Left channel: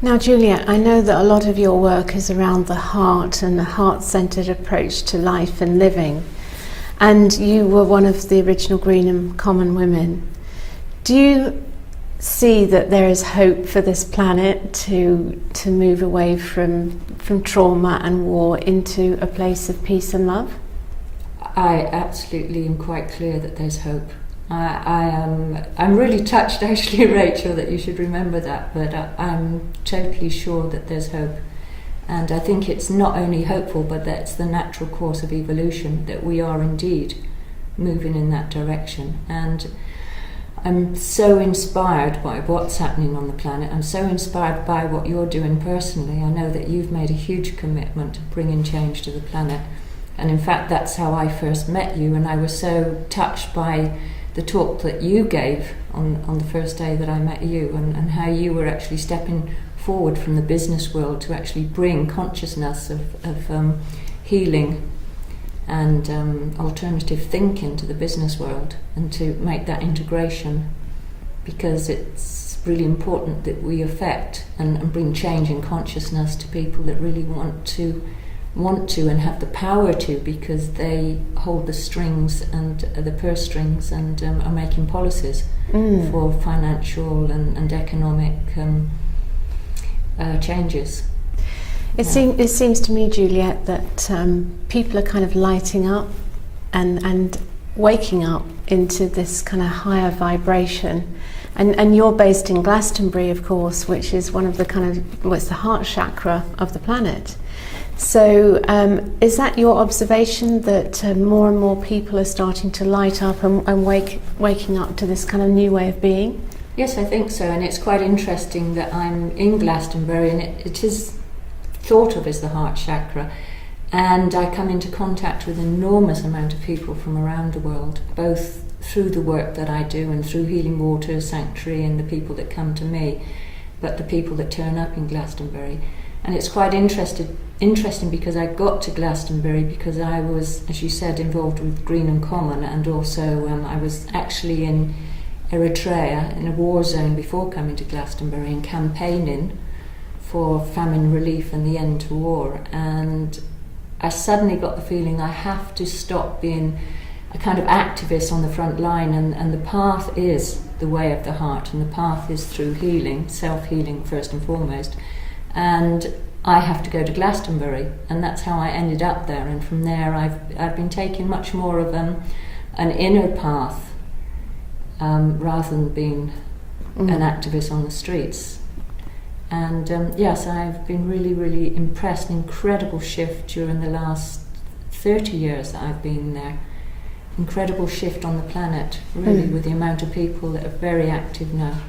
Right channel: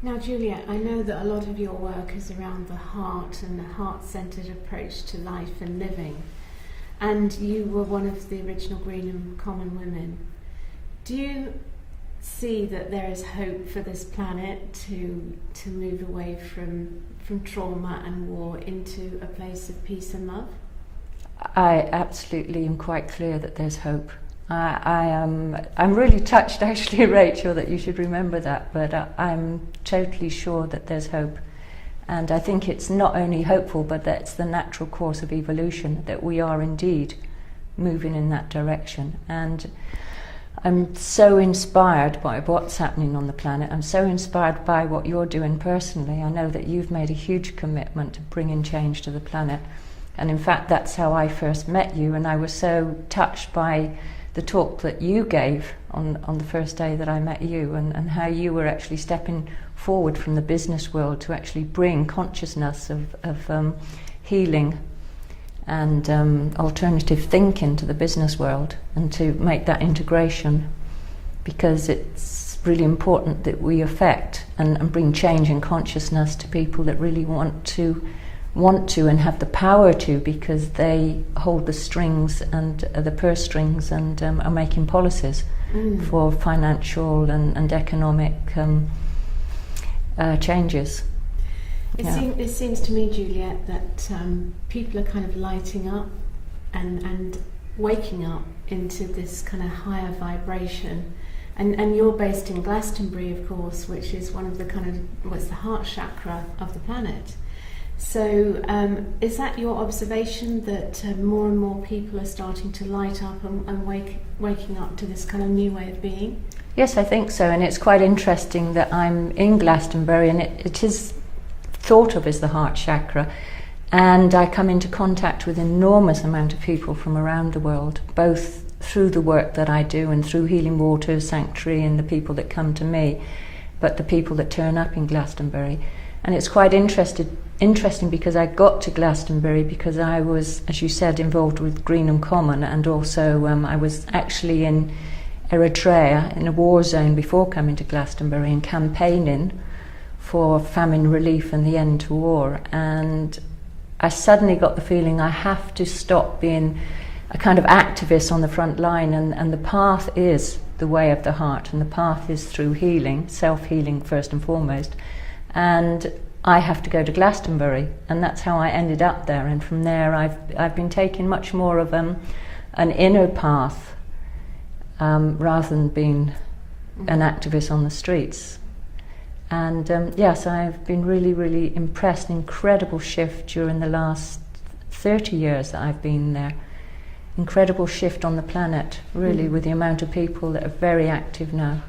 Now, Juliet, I know that a lot of your work is around the heart and the heart-centred approach to life and living, and you were one of the original Greenham Common women. Do you see that there is hope for this planet to move away from trauma and war into a place of peace and love? I absolutely am quite clear that there's hope. I'm really touched, actually, Rachel, that you should remember that, but I'm totally sure that there's hope. And I think it's not only hopeful, but that's the natural course of evolution, that we are indeed moving in that direction. And I'm so inspired by what's happening on the planet. I'm so inspired by what you're doing personally. I know that you've made a huge commitment to bringing change to the planet. And in fact, that's how I first met you. And I was so touched by the talk that you gave on the first day that I met you, and how you were actually stepping forward from the business world to actually bring consciousness of healing and alternative thinking to the business world, and to make that integration, because it's really important that we affect and bring change in consciousness to people that really want to and have the power to, because they hold the strings and the purse strings and are making policies for financial and economic changes. It seems to me, Juliet, that people are kind of lighting up and waking up into this kind of higher vibration. And you're based in Glastonbury, of course, which is one of the it's the heart chakra of the planet. So is that your observation, that more and more people are starting to light up and waking up to this kind of new way of being? Yes, I think so. And it's quite interesting that I'm in Glastonbury, and it is thought of as the heart chakra, and I come into contact with an enormous amount of people from around the world, both through the work that I do and through Healing Water Sanctuary and the people that come to me, but the people that turn up in Glastonbury. And it's quite interesting because I got to Glastonbury because I was, as you said, involved with Greenham Common, and also I was actually in Eritrea in a war zone before coming to Glastonbury and campaigning for famine relief and the end to war. And I suddenly got the feeling I have to stop being a kind of activist on the front line, and the path is the way of the heart, and the path is through healing, self-healing first and foremost. And I have to go to Glastonbury, and that's how I ended up there. And from there I've been taking much more of an inner path rather than being an activist on the streets. And yes, I've been really, really impressed. An incredible shift during the last 30 years that I've been there. Incredible shift on the planet, really, with the amount of people that are very active now.